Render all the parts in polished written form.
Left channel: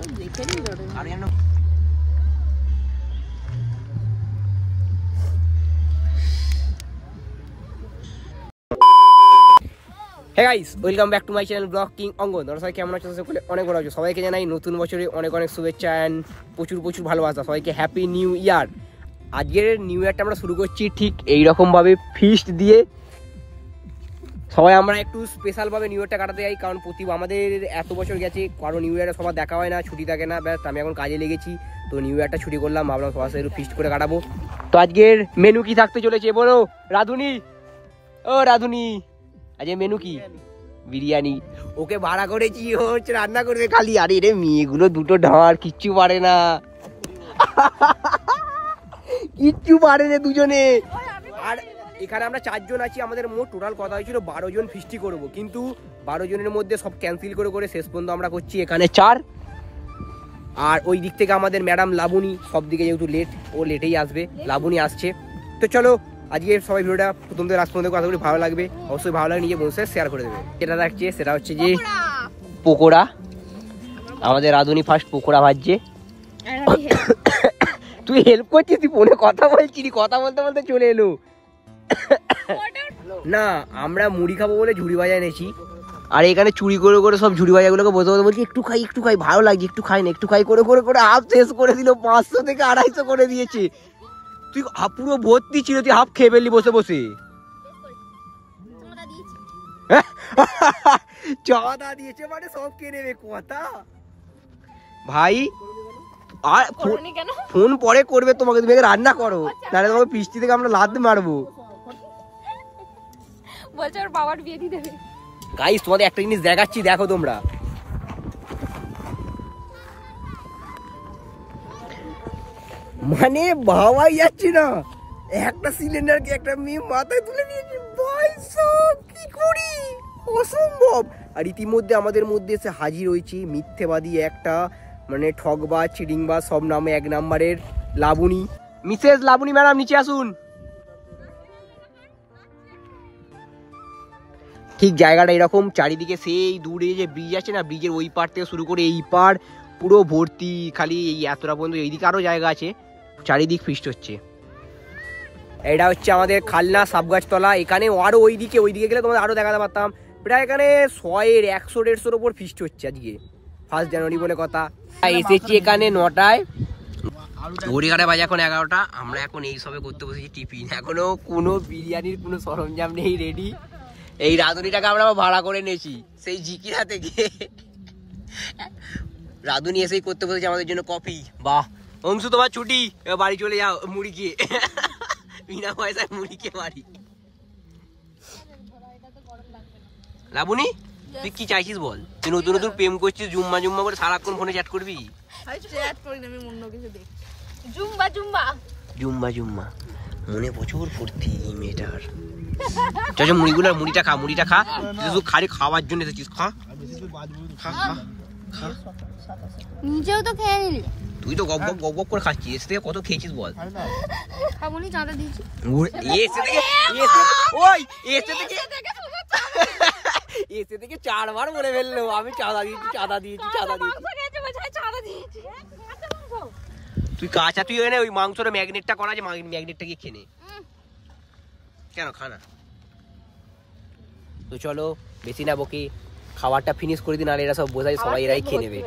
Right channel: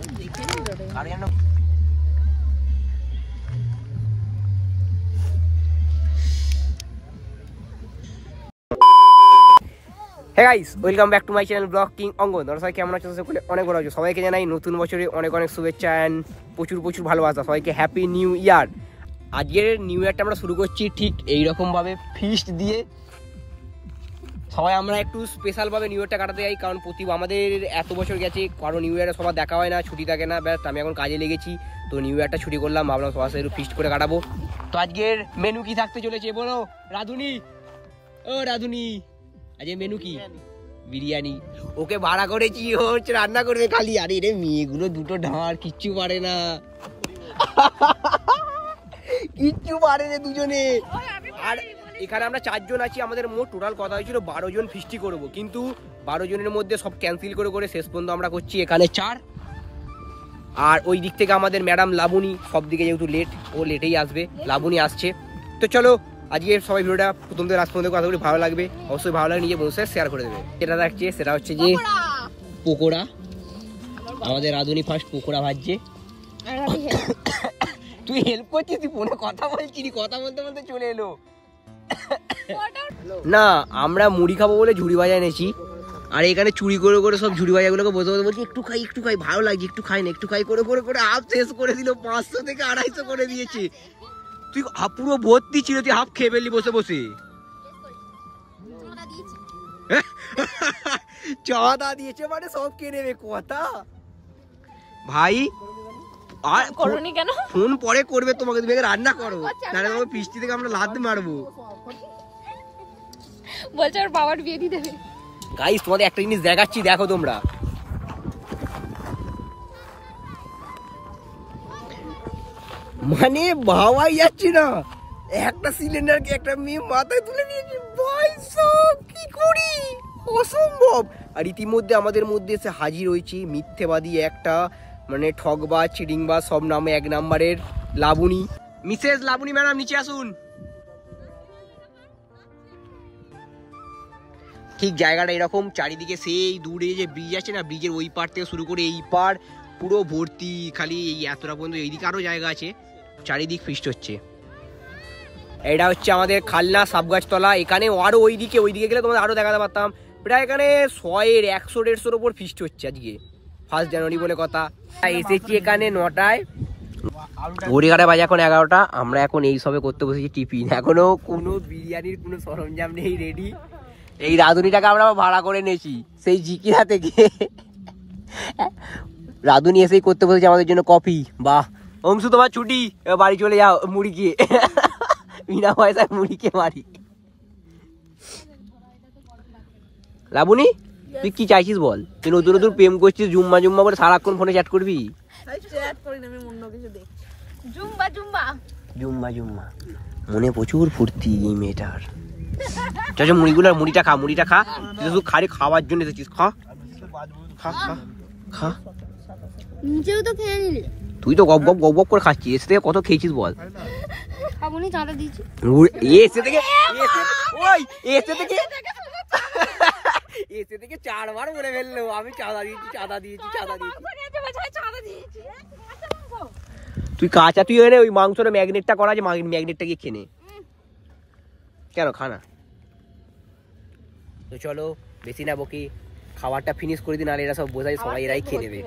Hey guys, welcome back to my channel blog king Angan. তোমরা সবাই কেমন আছো? অনেক ভালো আছো। সবাইকে জানাই নতুন বছরে অনেক অনেক শুভেচ্ছা অ্যান্ড প্রচুর প্রচুর ভালোবাসা। সবাইকে হ্যাপি নিউ ইয়ার। আজকের নিউ ইয়ারটা আমরা শুরু করছি ঠিক এইরকমভাবে ফিস্ট দিয়ে। সবাই আমরা একটু স্পেশালভাবে নিউ ইয়ারটা কাটাতে যাই, কারণ আমাদের এত বছর গেছে, কারণ নিউ ইয়ারে সবার দেখা হয় না, ছুটি থাকে না। ব্যাস আমি এখন কাজে লেগেছি, তো নিউ ইয়ারটা ছুটি করলাম, ভাবলাম সবার সাথে একটু ফিস্ট করে কাটাবো। তো আজকের মেনু কি থাকতে চলেছে বলো রাধুনি? ও রাধুনি, আজকে মেনু কি? বিরিয়ানি। ওকে ভাড়া করেছি, ও হচ্ছে রান্না করবে খালি। আরে রে মেয়েগুলো দুটো ঢাঁড়, কিচ্ছু পারে না, কিচ্ছু পারে না দুজনে। আর এখানে আমরা 4 জন আছি, আমাদের মোট টোটাল কথা হয়েছিল 12 জন ফিস্টি করবো, কিন্তু 12 জনের মধ্যে সব ক্যান্সেল করে করে শেষ পর্যন্ত আমরা করছি এখানে 4। আর ওই দিক থেকে আমাদের ম্যাডাম লাবণী, সব দিকে যেহেতু লেট, ও লেটেই আসবে, লাবণী আসছে। তো চলো আজকে সবাই ভিডিওটা প্রথম থেকে লাস্ট পর্যন্ত কথাগুলি ভালো লাগবে, অবশ্যই ভালো লাগে, নিজে বসে শেয়ার করে দেবে। যেটা দেখছে সেটা হচ্ছে যে পকোড়া। আমাদের রাধুনি ফার্স্ট পকোড়া ভাজছে। তুই হেল্প করছিস? তুই ফোনে কথা বলছিস, কথা বলতে বলতে চলে এলো। না, আমরা মুড়ি খাবো বলে ঝুড়ি ভাজা এনেছি, আর এখানে চুরি করে করে সব ঝুড়ি ভাজাগুলোকে বসে বসে বলছি একটু খাই ভালো লাগছে, একটু খাই না, একটু খাই করে করে করে হাফ শেষ করে দিল। 500 থেকে 250 করে দিয়েছে। তুই পুরো ভর্তি ছিল, তুই হাফ খেয়ে ফেললি বসে বসে। চাঁদা দিয়েছে মানে সব কে নেবে কথা ভাই। আর ফোন পরে করবে তোমাকে, তুমি রান্না করো, নাহলে তোমাকে পিস্তি থেকে আমরা লাদ মারবো। বলছে ওর বাবার বিয়ে দিয়ে দেবে। গাইস তোমাদের একটা জিনিস দেখাচ্ছি, দেখো তোমরা। মানে ভাবাই যাচ্ছে না, একটা সিলিন্ডারকে একটা মেয়ে মাথায় তুলে নিয়েছে। ভাই সব কি করি, অসম্ভব। আর ইতিমধ্যে আমাদের মধ্যে এসে হাজির হয়েছে মিথ্যেবাদী একটা, মানে ঠকবাজ, চিটিংবাজ, সব নামে 1 নাম্বারের লাবণী। মিসেস লাবণী ম্যাডাম নিচে আসুন। ঠিক জায়গাটা এরকম, চারিদিকে সেই দূরে যে ব্রিজ আছে না, ব্রিজের ওই পার থেকে শুরু করে এই পার পুরো ভর্তি, খালি এই এতটা পর্যন্ত। এইদিকে আরো জায়গা আছে, চারিদিক ফিস্ট হচ্ছে। এটা হচ্ছে আমাদের খালনা সাবগাছতলা। এখানে আরো ওইদিকে গেলে তোমাদের আরো দেখাতে পারতাম। প্রায় এখানে 100-150-150-র উপর ফিস্ট হচ্ছে আজকে, 1 জানুয়ারি বলে কথা। এসেছি এখানে 9টায়, ঘড়িঘাটে বাজে এখন 11টা। আমরা এখন এই সবে করতে বসেছি টিফিন। এখনো কোনো বিরিয়ানির কোনো সরঞ্জাম নেই রেডি। এই রাঁধুনিটাকে আমরা ভাড়া করে নিয়েছি সেই জিকিরা থেকে। রাঁধুনি এসেই করতে বসেছে আমাদের জন্য কফি। বাহ অংশু, তোমার ছুটি, বাড়ি চলে যাও মুড়ি খেয়ে, বিনা পয়সায় মুড়ি খেয়ে বাড়ি। লাবণী তুই কি চাইছিস বল? তুই নতুন নতুন প্রেম করছিস, জুম্মা করে সারাক্ষণ ফোনে চ্যাট করবি? জুম্মা মনে প্রচুর ফুর্তি এই মেয়েটার। চল মুড়িটা খা, তুই শুধু খাওয়ার জন্য এসেছিস। খা খা খা খা, নিজেও তো খেয়ে নিলি। তুই তো গপ গপ করে খাচ্ছিস। এসে থেকে কত খেয়েছিস বল? খাবনি, চাঁদা দিয়েছি। এসে থেকে 4 বার বলে ফেললো আমি চাঁদা দিয়েছি। তুই কাঁচা, তুই এনে ওই মাংসের ম্যাগনেটটা করা আছে, ম্যাগনেটটা গিয়ে খেয়ে নে। কেন খানা? তো চলো বেশি না বকি, খাবারটা ফিনিশ করে দিন, আর এরা সব বোঝাই, সবাই এরাই খেয়ে নেবে।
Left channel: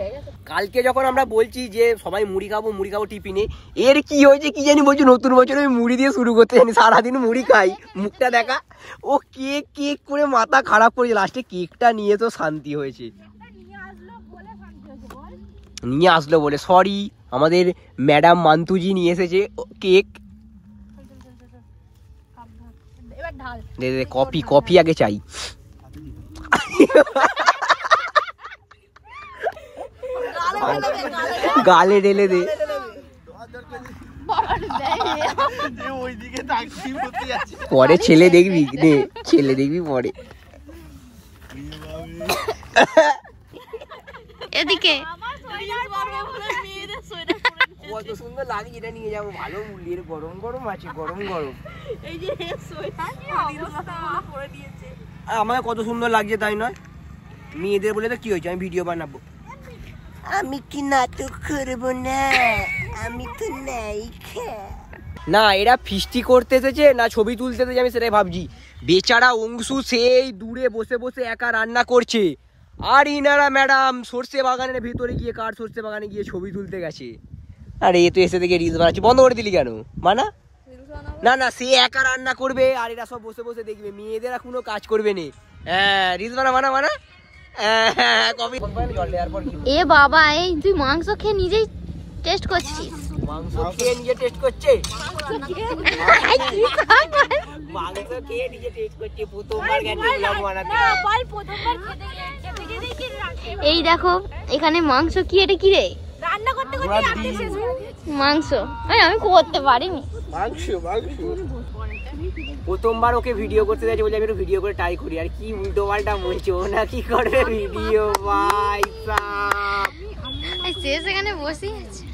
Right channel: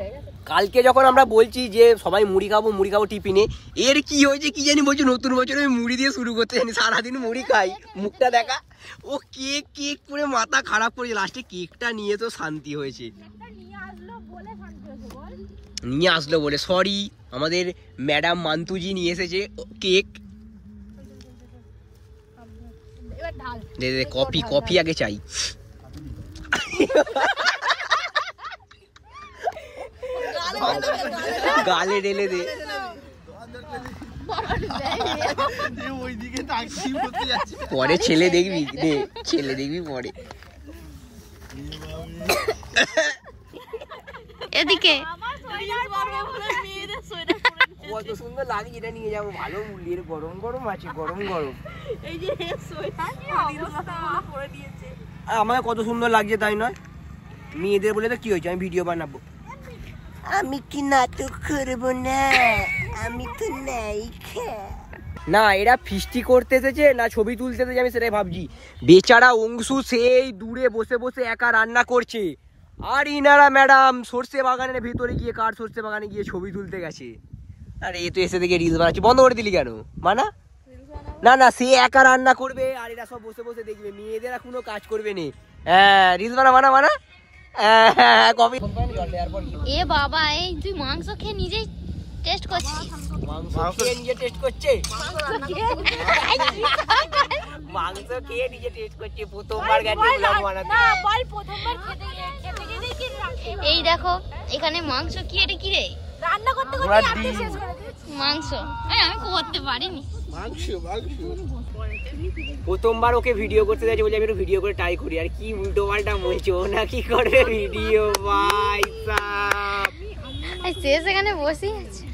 কালকে যখন আমরা বলছি যে সবাই মুড়ি খাবো টিফিনে, এর কি হয়েছে কি জানি, বলছি নতুন বছরে মুড়ি দিয়ে শুরু করতে জানি, সারাদিন মুড়ি খাই। মুখটা দেখা, ও কেক করে মাথা খারাপ করেছে। লাস্টে কেকটা নিয়ে তো শান্তি হয়েছে, নিয়ে আসলো বলে। সরি, আমাদের ম্যাডাম মান্তুজি নিয়ে এসেছে কেক। কফি আগে চাই। গালে ঢেলে দে। পরে ছেলে দেখবি পরে। এদিকে কত সুন্দর লাগে, এটা নিয়ে যাবো। ভালো মূল্যের, গরম আছে, গরম। এই যে আমাকে কত সুন্দর লাগছে তাই নয়? মেয়েদের বলে তো কি হয়েছে, আমি ভিডিও বানাবো। আমি কি নাটক করবো না, আমি তো নায়িকা। না এরা ফিস্টি করতে এসেছে না ছবি তুলতে এসেছে আমি সেটাই ভাবছি। বেচারা অংশু সেই দূরে বসে বসে একা রান্না করছে, আর ইনারা ম্যাডাম সর্ষে বাগানের ভিতরে গিয়ে কার সর্ষে বাগানে গিয়ে ছবি তুলতে গেছে। আর এ তো এসে থেকে রিলস বানাচ্ছে, বন্ধ করে দিলি কেন? মানা না না, সে একা রান্না করবে আর এরা সব বসে বসে দেখবে, মেয়েদের কোনো কাজ করবে না। হ্যাঁ রিলস বানা মানা মানা। এ বাবা, এই তুই মাংস খেয়ে নিজেই টেস্ট করছিস? মাংস খেয়ে নিজে টেস্ট করছে, মাংস খেয়ে নিজে টেস্ট করছে, প্রথমবার গেছে ব্লগ বানাতে। এই দেখো এখানে মাংস কি, এটা কি রে? রান্না করতে করতে মাংস আমি করতে পারিনি। প্রথমবার ওকে ভিডিও করতে যাচ্ছে, বলে আমি একটু ভিডিও করে ট্রাই করি, আর কি উল্টো পাল্টা মরেছে ও, না কি করবে ভিডিও ভাই সাব। সে সেখানে বসে আছে,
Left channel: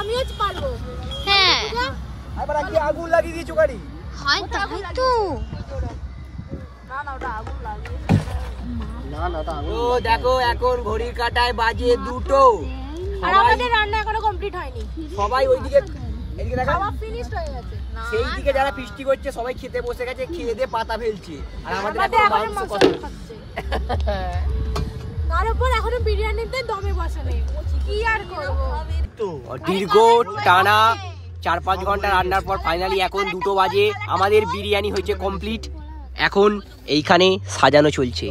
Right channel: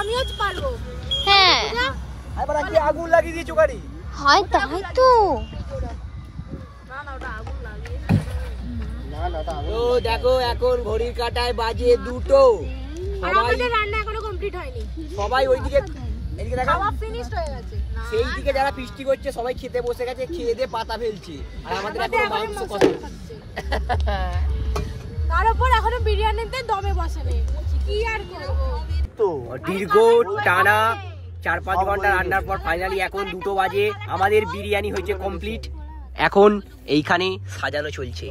আমিও পারবো। হ্যাঁ আগুন লাগিয়ে দিয়েছো গাড়ি? হয় তাই তো। তো দেখো এখন ঘড়ির কাঁটায় বাজে 2টো, আর আমাদের রান্না এখনো কমপ্লিট হয়নি। সবাই ওইদিকে খাওয়া ফিনিশড হয়ে গেছে। সেই দিকে যারা ফিস্টি করছে সবাই খেতে বসে গেছে, খেয়ে দিয়ে পাতা ফেলছে, আর আমাদের এখনো মাংস কত। তার উপর এখনো বিরিয়ানিতে দমে বসে নেই, কি আর করবো। তো দীর্ঘ টানা 4-5 ঘন্টা রান্নার পর ফাইনালি এখন 2টো বাজে, আমাদের বিরিয়ানি হয়েছে কমপ্লিট। এখন এইখানে সাজানো চলছে,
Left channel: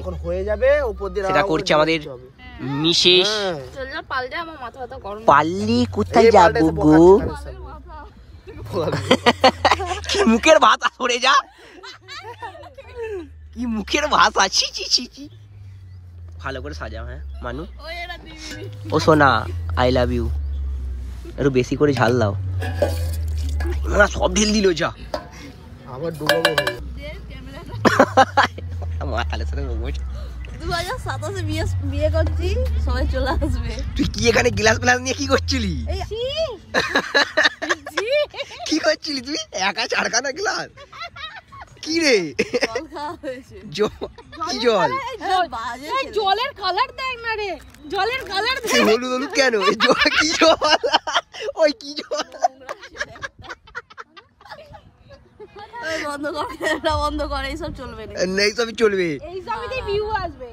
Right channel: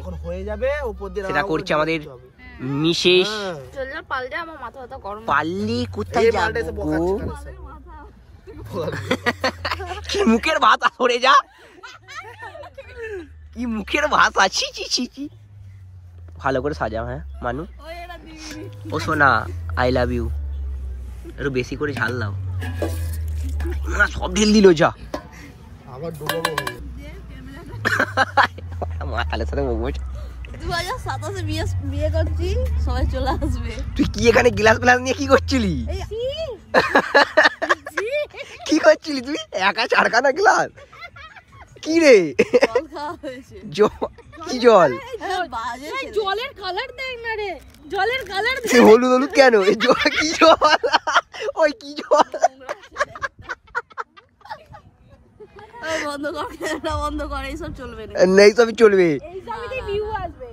সেটা করছে আমাদের মিসেস। পাল্লি কোথায় যাবো গো? কি মুখের ভাত, সরে যা, কি মুখের ভাত আছি। ভালো করে সাজাও। হ্যাঁ মানু, ও সোনা আই লাভ ইউ। একটু বেশি করে ঝাল দাও, সব ঢেল দিল যা। মাতালের সাথে মোমোজ। 2027 বিয়ে করছি, সবাই চলে আসবে। তুই কি এখানে গ্লাস গ্লাস নিয়ে কি করছিলি? কি করছিলি তুই একা? চারখানা গ্লাস কি রে? কি জল? জলের কালার দেখ না রে, জলের কালার হলুদ হলুদ কেন? কি জল? ওই কি জল? বন্ধ কর, ক্যামেরা বন্ধ কর, এইসব চলবে না। নেই সবই চলবে। এইসবই ভিউ আসবে।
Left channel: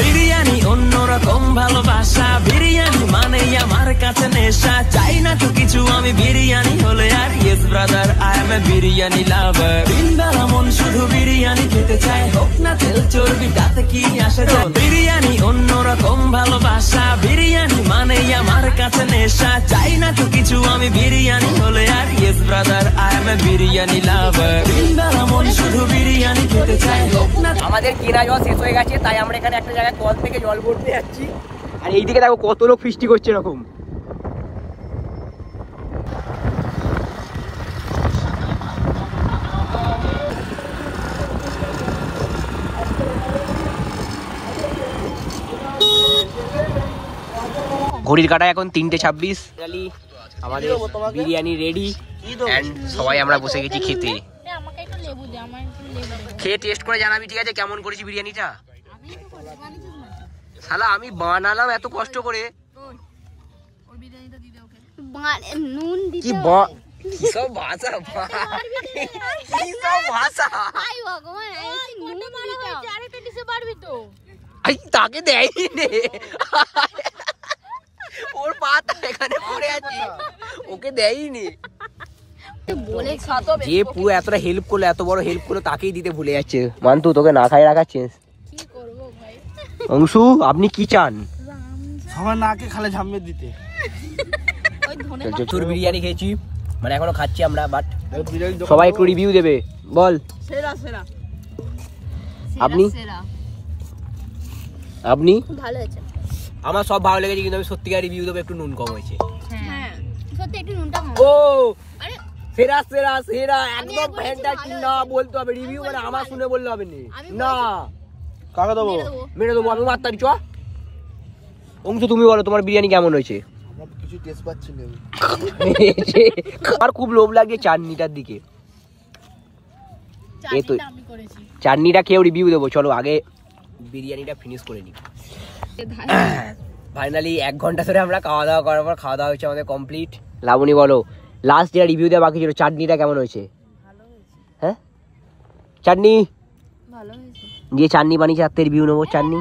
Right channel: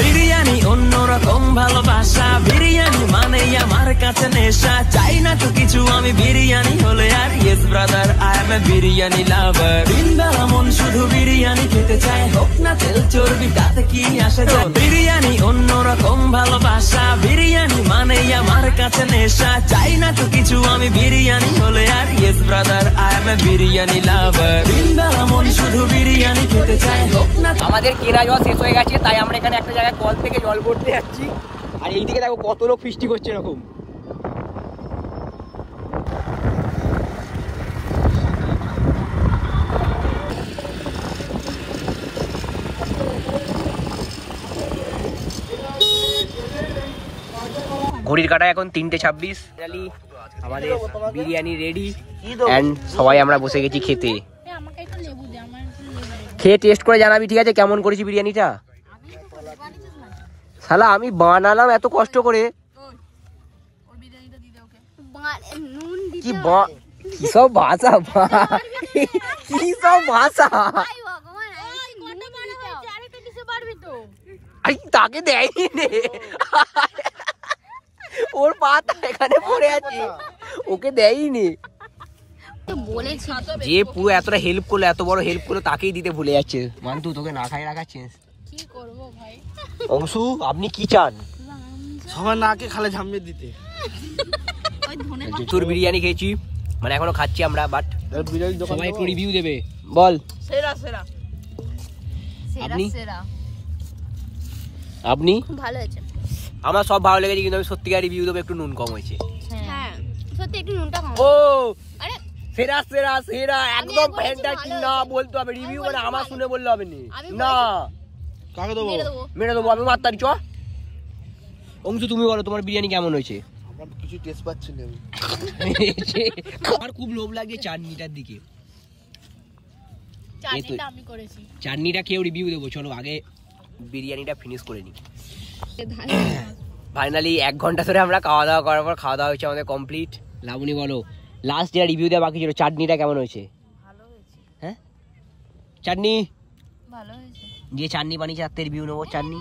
বিরিয়ানি অন্যরকম ভালোবাসা, বিরিয়ানি মানে আমার কাছে নেশা, চাই না তো কিছু আমি বিরিয়ানি হলে আর। Yes brother I M A biryani লাভার, দিন বেলা মন শুধু বিরিয়ানি খেতে চায়, হোক না তেল চর্বি তাতে কি আসে যায়। বিরিয়ানি অন্যরকম ভালোবাসা, বিরিয়ানি মানে আমার কাছে নেশা, চাই না তো কিছু আমি বিরিয়ানি হলে আর। Yes brother I M A biryani লাভার, দিন বেলা মন শুধু বিরিয়ানি খেতে চায়, হোক না। আমাদের কেনা জল শেষ হয়ে গেছে, তাই আমরা এখানে একটা জায়গায় কল থেকে জল ভরতে যাচ্ছি, আর এইদিকে দেখো কত লোক ফিস্টি করছে এরকম। ঘড়ির কাঁটা এখন 3:26। আমাদের বিরিয়ানি রেডি এন্ড সবাই আমরা বসে গেছি খেতে। খেয়ে টেস্ট করে জানাবি ঠিক আছে কেমন করেছি বিরিয়ানিটা। শালা আমি বানালাম এত কষ্ট করে, কি সব ভাষা, কি সব ভাষা। তাকে দেয়নি রে, ওর পাতা এখানে পড়ে আছে, ওকে দেয়নি। যে পুরো এতটা হেল্প করলো, এত বড় হেল্প করলো, তাকেই দিতে ভুলে যাচ্ছে। মান্তু তোকে না খাই রাখাচ্ছিস। মুসু আপনি কি চান? সবাই নাকে খালে ঝামিয়ে দিতে। তোর বিরিয়ানি খেয়েছি, মানে এখনো খাচ্ছি আমরা, বাট সবাই একটু রিভিউ দেবে। বল আপনি আপনি ভালো হয়েছে, আমার সব ভালো লেগেছে, কিন্তু আমি সত্যিকার রিভিউ দেবো একটু নুন কম হয়েছে। হ্যাঁ সত্যি একটু নুনটা কম। ও সেরা সেরা সেরা একদম ফ্যান্টাস্টিক না বলতে হবে, রিভিউ মানে আমার শুনে বললে হবে না। কাকে দেবো? মেরে দেবো আমি, মাত্তারি চ। অংশু তুমি বলো তোমার বিরিয়ানি কেমন হয়েছে? কিছু টেস্ট পাচ্ছি না আমার খুব লোভ লাগছে চাটনিটার দিকে। চাটনিটা খেয়েও রিভিউ দেবো, চলো আগে বিরিয়ানিটা ফিনিশ করে নিই। ফাইনালি 1 ঘন্টা ধরে আমরা খাওয়া দাওয়া করার পর খাওয়া দাওয়া হয়েছে আমাদের কমপ্লিট। লাবণী বলো লাস্ট যেটা রিভিউ দেওয়া বাকি ছিল, চাটনিটা কেমন হয়েছে? হ্যাঁ চাটনি ভালো হয়েছে। যে চাটনি বানিয়েছে তার রিভিউ নেবো। চাটনি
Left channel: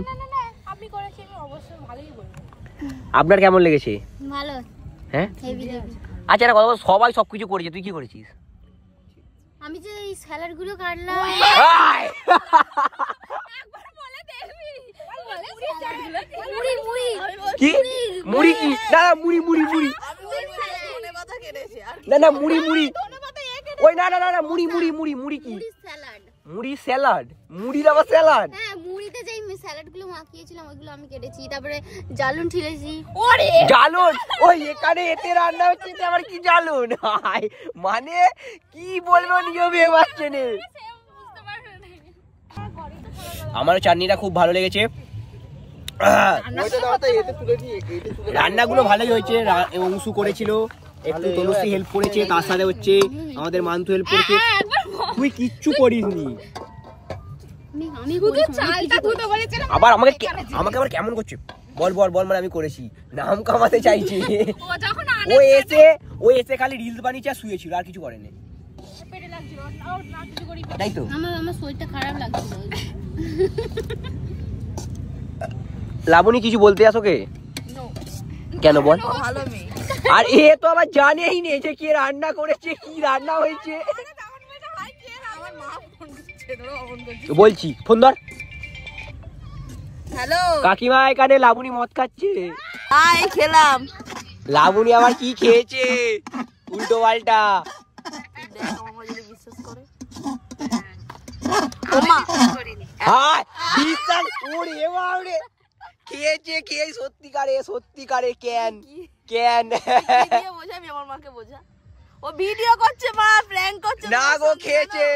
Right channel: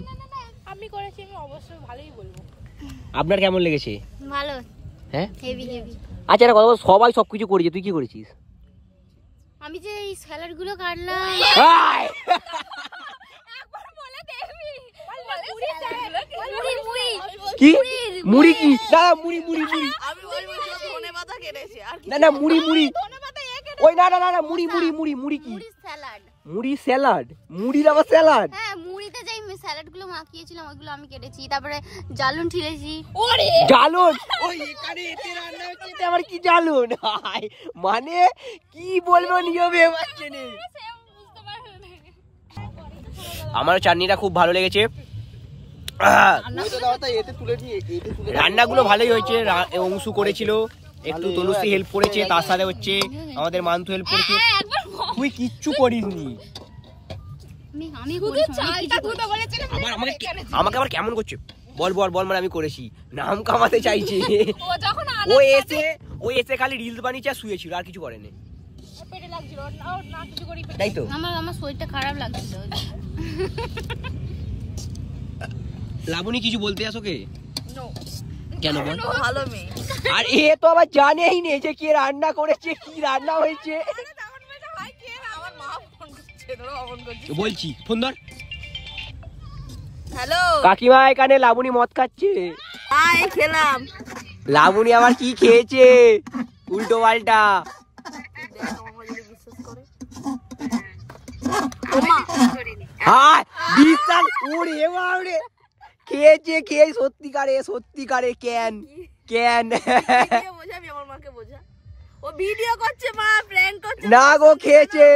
আমি করেছি, আমি অবশ্যই ভালোই বলবো। আপনার কেমন লেগেছে? ভালো, হ্যাঁ হেভি হেভি। আচ্ছা একটা কথা বল, সবাই সবকিছু করেছে, তুই কি করেছিস? আমি যে এই স্যালাড গুলো কাটলাম। কি মুড়ি? না মুড়ি মুড়ি মুড়ি আমি বলবো ধনেপাতা কেটেছি আর না না মুড়ি মুড়ি ওই না না না মুড়ি মুড়ি মুড়ি মুড়ি কি? মুড়ি স্যালাড। মুড়ি স্যালাড? মুড়ির আবার স্যালাড? হ্যাঁ, মুড়িতে যেই স্যালাড গুলো মাখিয়েছিলাম ওইগুলো আমি কেটেছি, তারপরে জালুন ঠিলেছি। জালুন? ওই এখানে এতে রান্না হচ্ছে, এটা আবার কি জালুন? হাই, মানে কি বলবো নিজে পারছে না। আমার চাটনিটা খুব ভালো লেগেছে। রান্নাগুলো ভালোই হয়েছে। অংশু করেছিল, একটু তনুশ্রী হেল্প করেছে, তার সাথে হচ্ছে আমাদের মান্তু হেল্প করেছে। তুই কিচ্ছু করিসনি। আবার আমাকে আবার কেমন করছে? বল বল বল, মানে আমি করেছি, নাম কামাতে চাইছি। ও এসে খালি রিলস বানিয়েছে আর শুয়েছিল, আর কিছু করেনি, তাই তো? আমার শরীরটা খারাপ লাগছিল। লাবণী কিছু বলতে আসো কে? কেন বল? ভালো মেয়ে। আর এ তো আবার জানেই নেই যে কে রান্না করেছে, কি রান্না হয়েছে। বলছি ফোন ধর। হ্যালো কাকিমা এখানে লাবণী মদ খাচ্ছে। হাই, খেলাম। লাবণী আবার কি খেয়েছে উল্টো পাল্টা? খেয়েছে, খেয়ে সত্যিকারে সত্যিকারে কেন কেন বোঝা, আমি আমার মাকে বোঝা। ও ভিডিও করছে, মা প্র্যাঙ্ক করছে। না গো, খেয়েছে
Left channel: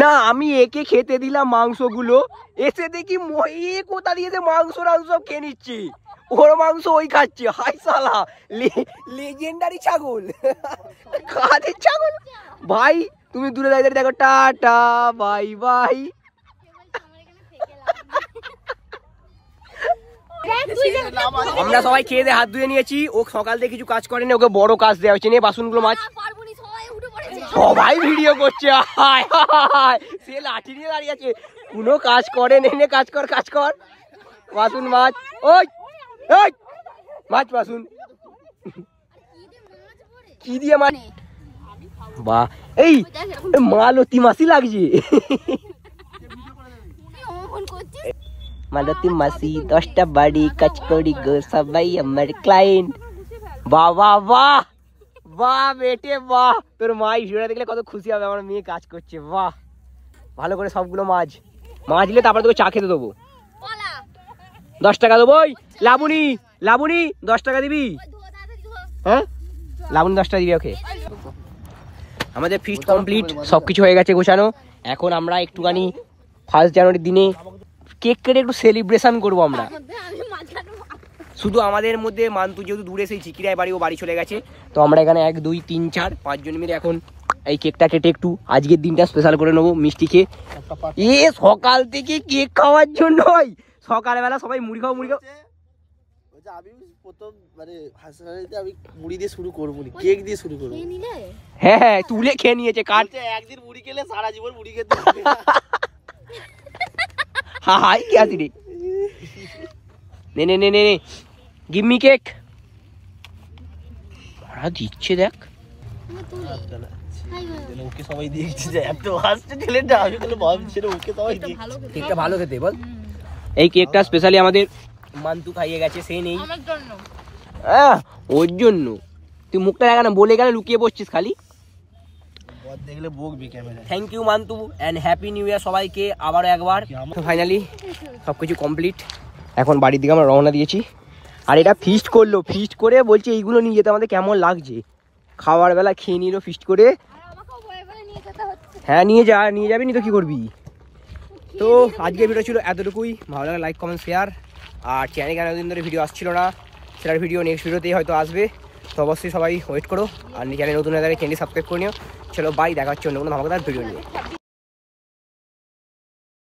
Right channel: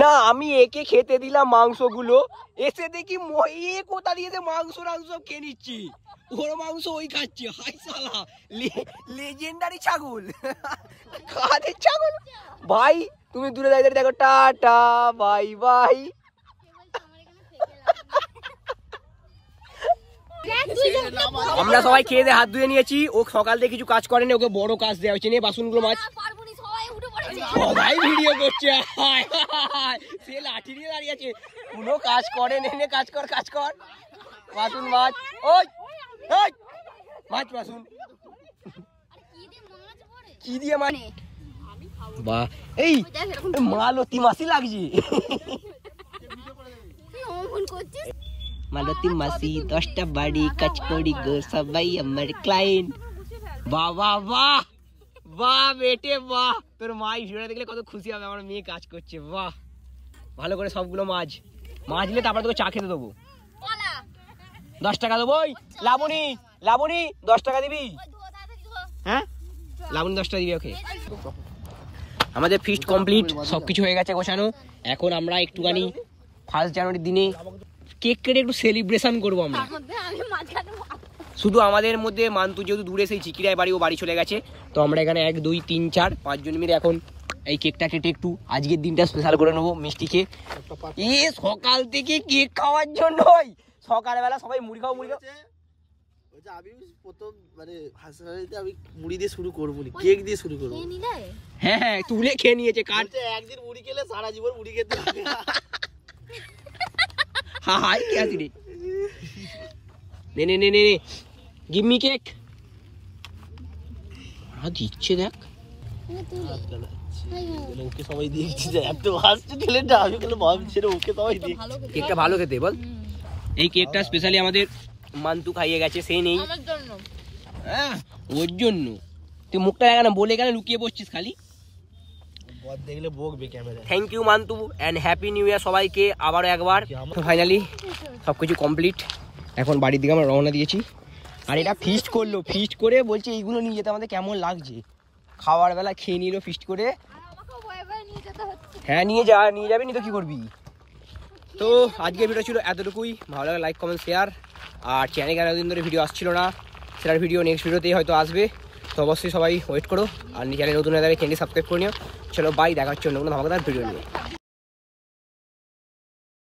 না। আমি একে খেতে দিলাম মাংসগুলো, এসে দেখি কোথা দিয়েছে মাংস টাংস খেয়ে নিচ্ছে। ওর মাংস ওই খাচ্ছে। হাই সালা, লেজেন্ডারি ছাগল, কাদের ছাগল ভাই? তুমি দূরে দাঁড়িয়ে দেখো, টাটা বাই বাই। আমরা সবাই খেয়ে দিয়ে হাত ধুয়ে নিয়েছি। ও সকাল থেকে কিছু কাজ করেনি, ওকে বড় কাজ দেওয়া হয়েছে। নিয়ে বাসনগুলো মাছ। সবাই ভিডিও করছে, সে লাঠি নিয়ে দাঁড়িয়ে আছে, কোনো কাজ করে নে। কাজ কর কাজ কর, বাসন মাছ। ওই মাছ বাসন কি দিয়ে মানে? বাহ, এই মালতী মাসি লাগছে। মালতী মাসি 10টা বাড়ি কাজ করি গো, সবাই আমার ক্লায়েন্ট। বাহ বাহ বাহ বাহ বেটে বাহ। তোর মা ভিডিওটা দেখলে কত খুশি হবে, আমার মেয়ে কাজ করছে। বাহ, ভালো করে সবগুলো মাজলে তারপরে তোকে চা খেতে দেবো। 10 টাকা দেবো। ওই লাবণী 10 টাকা দিবি? হ্যাঁ লাবণী 10 টাকা দিবি ওকে। আমাদের ফিস্ট কমপ্লিট, সবকিছু হয়ে গেছে গুছানো। এখন আমরা একটুখানি 1 জানুয়ারির দিনে কেক কেটে একটু সেলিব্রেশন করবো আমরা। শুধু আমাদের মধ্যে মান্তু যেহেতু দূরে, সেই চিকিরায় বাড়ি, ও বাড়ি চলে গেছে। তো আমরা এখানে 1 2 3 4 5 জন মিলে এখন এই কেকটা কেটে একটু আজকের দিনটা স্পেশাল করে নেবো মিষ্টি খেয়ে। সকাল থেকে কেক খাওয়ার জন্য সকালবেলা সবাই মুড়ি খাও। আমি প্রথম মানে হাসপাতালে আমি মুড়ি দিয়ে শুরু করবো, কেক দিয়ে শুরু করবো। হ্যাঁ তুলে খেয়ে নিয়েছে। কাট একদিন মুড়ি খেলে সারা জীবন মুড়ি খেতে হবে। হাই কি আছে রে? নে গিভ মি কেক। দিচ্ছে দেখ, ওকে সবাই দিয়েছে। এত হাসছে ছেলেটা, আমি বলে ভাবছি ওকে সবাই দিয়েছে। কেকটা ভালো খেতে বল। এই কেকটা স্পেশালি আমাদের মান্তু খাইয়ে গেছে, সে নেই ওর জন্য। তুই মুখটা দেখা না, বলে গেলে লুকিয়ে বসছিস খালি। দেখলে বকবে camera. Thank you Mantu and happy new year সবাইকে আবারও একবার। ফাইনালি সবকিছু কমপ্লিট, এখন বাড়ির দিকে আমরা রওনা দিয়েছি। আর এটা ফিস্ট করলো, ফিস্ট করে বলছে এইগুলো নিয়ে যেতে আমাদের কেমন লাগছে। খাওয়ার বেলা খেয়ে নিল ফিস্ট করে। হ্যাঁ নিয়ে যাবি নি তো কি করবি। তো আজকের ভিডিও ছিল এতটুকুই। ভালো লাগে লাইক কমেন্ট শেয়ার। আর চ্যানেলে এতদিন ধরে ভিডিও আসছিল না, সেটার ভিডিও নেক্সট ভিডিওতেই হয়তো আসবে। তো অবশ্যই সবাই ওয়েট করো। আর চ্যানেল নতুন হয়ে গেলে চ্যানেলটি সাবস্ক্রাইব করে নিও। চলো বাই, দেখা হচ্ছে অন্য কোনো ধামাকাদার ভিডিও নিয়ে।